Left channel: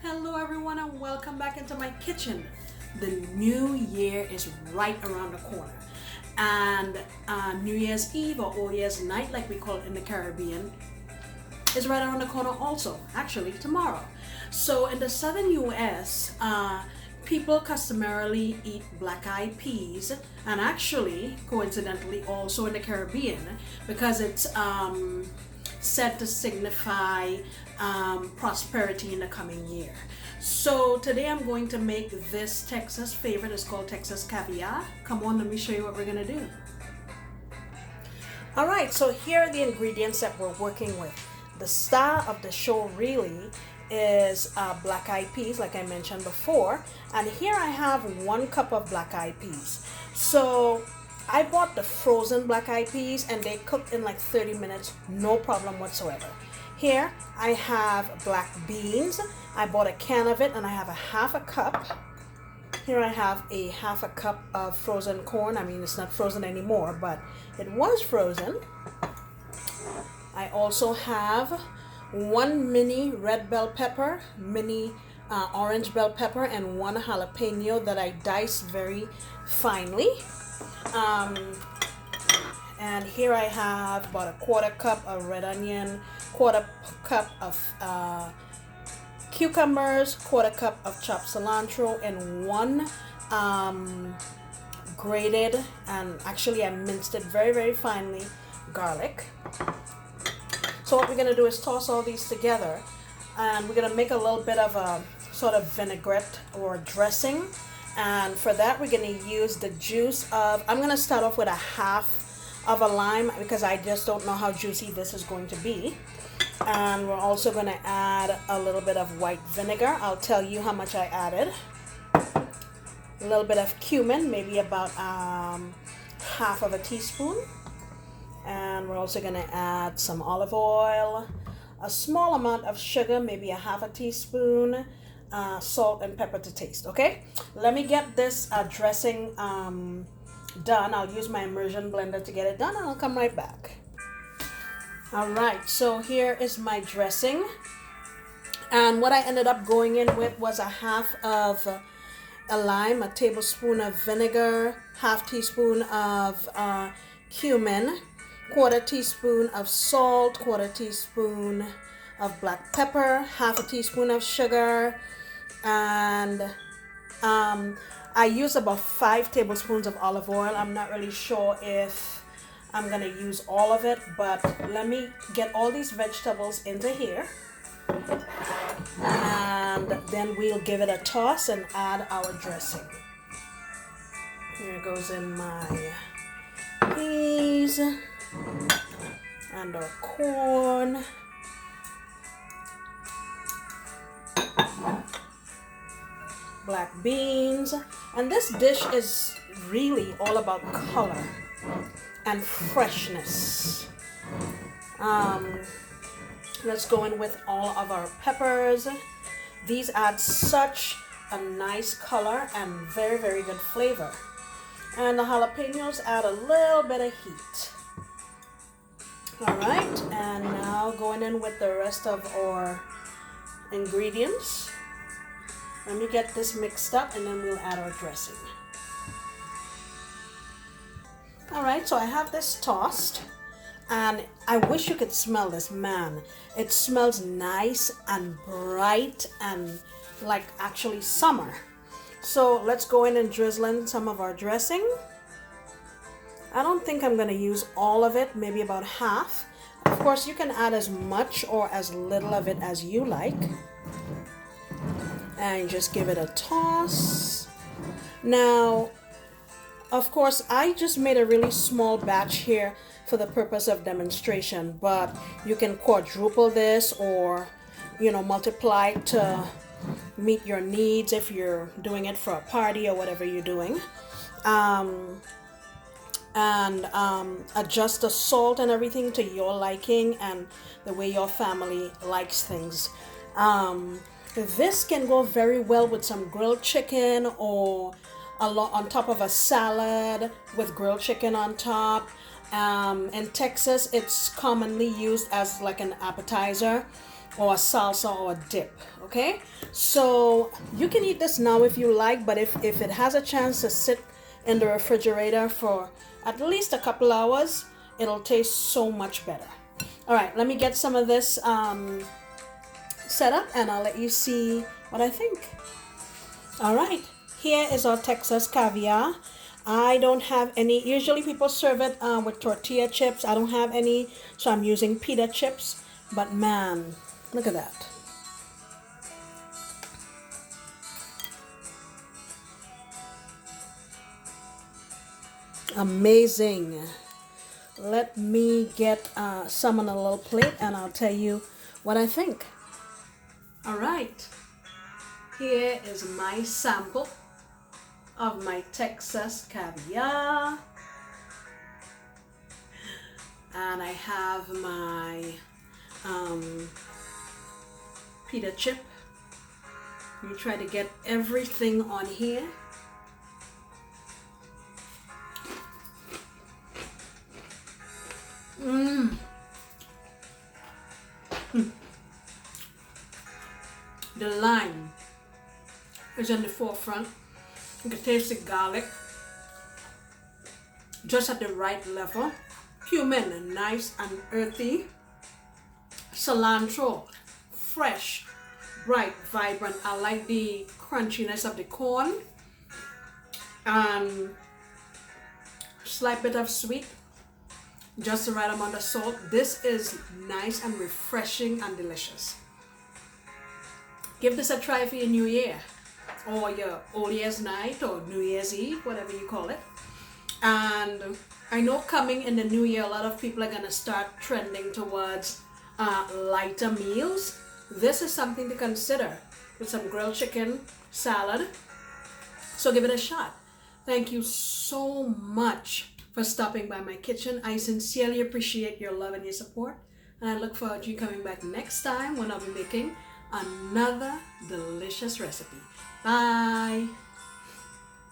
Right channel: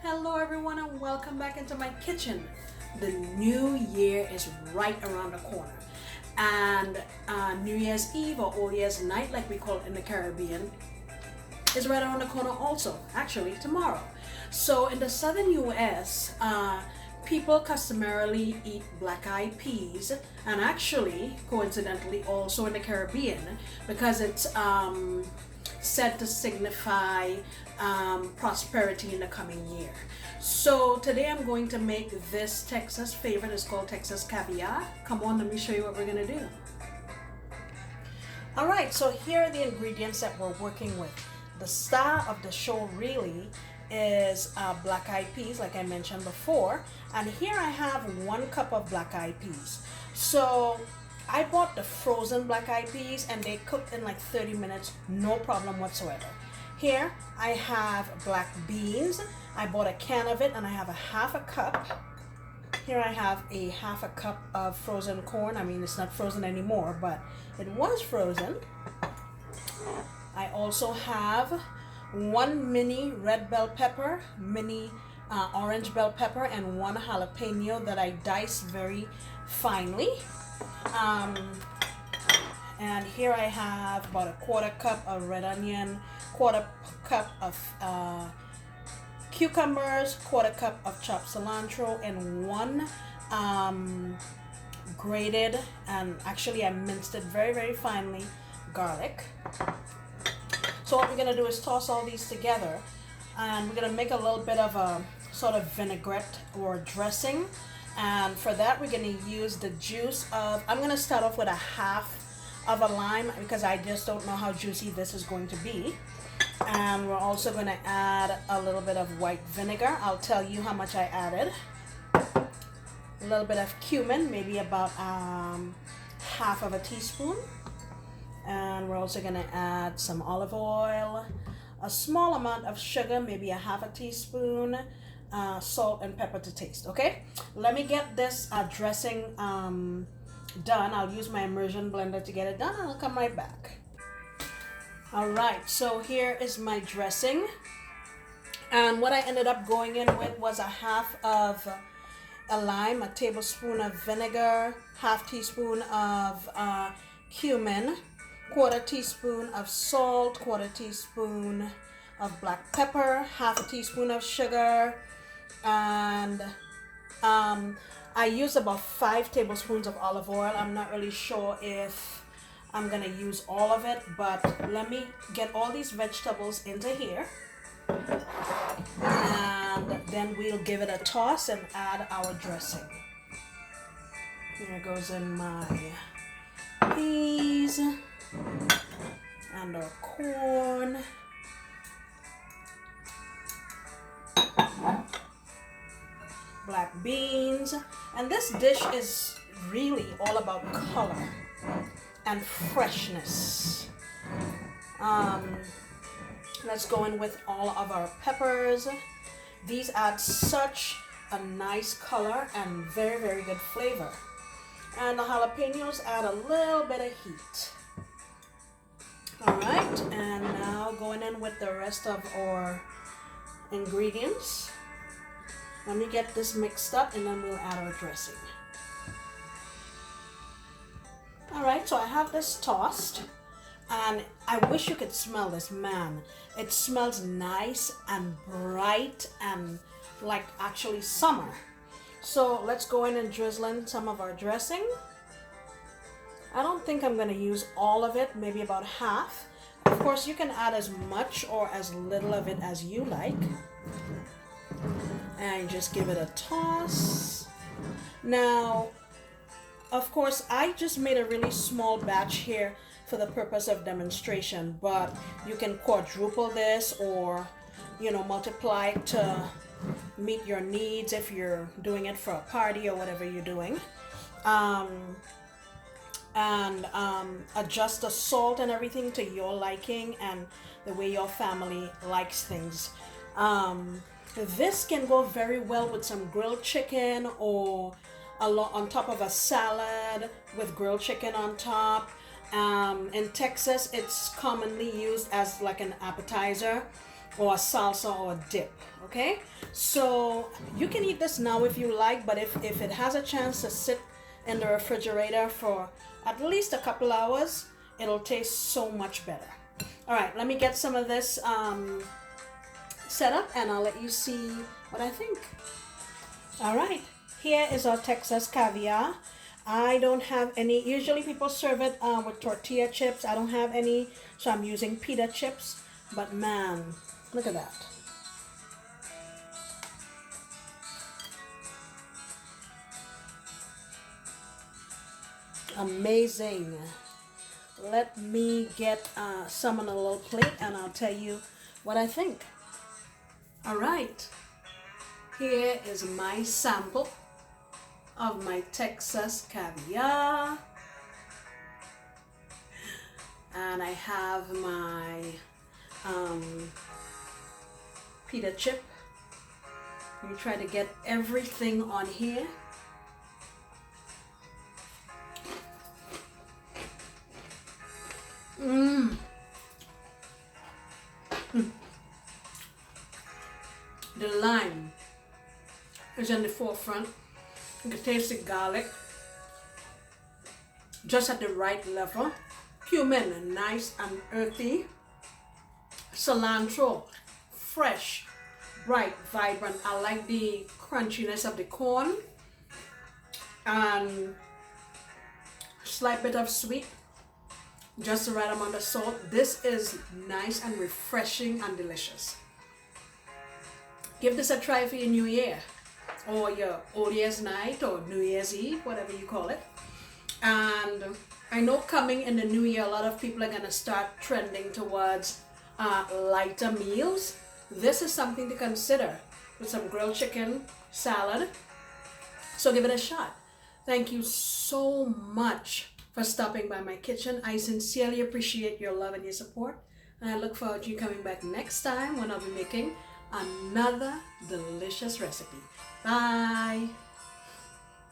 Hello everyone and welcome back into my kitchen. The new year is right around the corner, and New Year's Eve or Old Year's Night, like we call it in the Caribbean, is right around the corner also, actually tomorrow. So in the southern US, people customarily eat black-eyed peas, and actually coincidentally also in the Caribbean, because it's said to signify prosperity in the coming year. So today I'm going to make this Texas favorite. It's called Texas Caviar. Come on, let me show you what we're gonna do. All right, so here are the ingredients that we're working with. The star of the show really is black-eyed peas, like I mentioned before. And here I have 1 cup of black-eyed peas. So I bought the frozen black-eyed peas and they cooked in like 30 minutes, no problem whatsoever. Here I have black beans. I bought a can of it and I have a half a cup. Here I have a half a cup of frozen corn. I mean, it's not frozen anymore, but it was frozen. I also have 1 mini red bell pepper, mini orange bell pepper, and 1 jalapeno that I diced very finely. And here I have about a 1/4 cup of red onion, 1/4 cup of cucumbers, 1/4 cup of chopped cilantro, and 1 grated, and actually I minced it very, very finely, garlic. So what we're going to do is toss all these together, and we're going to make a little bit of a sort of vinaigrette or dressing. And for that we're going to use the juice of, I'm going to start off with a half of a lime because I just don't know how juicy this is going to be. And we're also going to add a little bit of white vinegar. I'll tell you how much I added. A little bit of cumin, maybe about half of a teaspoon. And we're also going to add some olive oil, a small amount of sugar, maybe a half a teaspoon, salt and pepper to taste. Okay, let me get this dressing done. I'll use my immersion blender to get it done and I'll come right back. All right, so here is my dressing, and what I ended up going in with was a half of a lime, a tablespoon of vinegar, half teaspoon of cumin, 1/4 teaspoon of salt, 1/4 teaspoon of black pepper, half a teaspoon of sugar, and I use about 5 tablespoons of olive oil. I'm not really sure if I'm gonna use all of it, but let me get all these vegetables into here, and then we'll give it a toss and add our dressing. Here goes in my peas and our corn. Black beans, and this dish is really all about color and freshness. Let's go in with all of our peppers. These add such a nice color and very, very good flavor. And the jalapenos add a little bit of heat. All right, and now going in with the rest of our ingredients. Let me get this mixed up and then we'll add our dressing. All right, so I have this tossed, and I wish you could smell this, man. It smells nice and bright and like actually summer. So let's go in and drizzle in some of our dressing. I don't think I'm gonna use all of it, maybe about half. Of course, you can add as much or as little of it as you like. And just give it a toss. Now, of course, I just made a really small batch here for the purpose of demonstration, but you can quadruple this or, you know, multiply to meet your needs if you're doing it for a party or whatever you're doing. Adjust the salt and everything to your liking and the way your family likes things. This can go very well with some grilled chicken or on top of a salad with grilled chicken on top. In Texas, it's commonly used as like an appetizer or a salsa or dip. Okay, so you can eat this now if you like, but if it has a chance to sit in the refrigerator for at least a couple hours, it'll taste so much better. All right, let me get some of this set up and I'll let you see what I think. All right, here is our Texas caviar. I don't have any. Usually people serve it with tortilla chips. I don't have any, so I'm using pita chips. But man, look at that. Amazing. Let me get some on a little plate and I'll tell you what I think. All right, here is my sample of my Texas caviar. And I have my pita chip. You try to get everything on here. The lime is in the forefront. You can taste the garlic just at the right level. Cumin, nice and earthy. Cilantro, fresh, bright, vibrant. I like the crunchiness of the corn. And slight bit of sweet. Just the right amount of salt. This is nice and refreshing and delicious. Give this a try for your New Year, or your Old Year's night, or New Year's Eve, whatever you call it. And I know coming in the new year, a lot of people are going to start trending towards lighter meals. This is something to consider with some grilled chicken, salad. So give it a shot. Thank you so much for stopping by my kitchen. I sincerely appreciate your love and your support. And I look forward to you coming back next time when I'll be making another delicious recipe. Bye.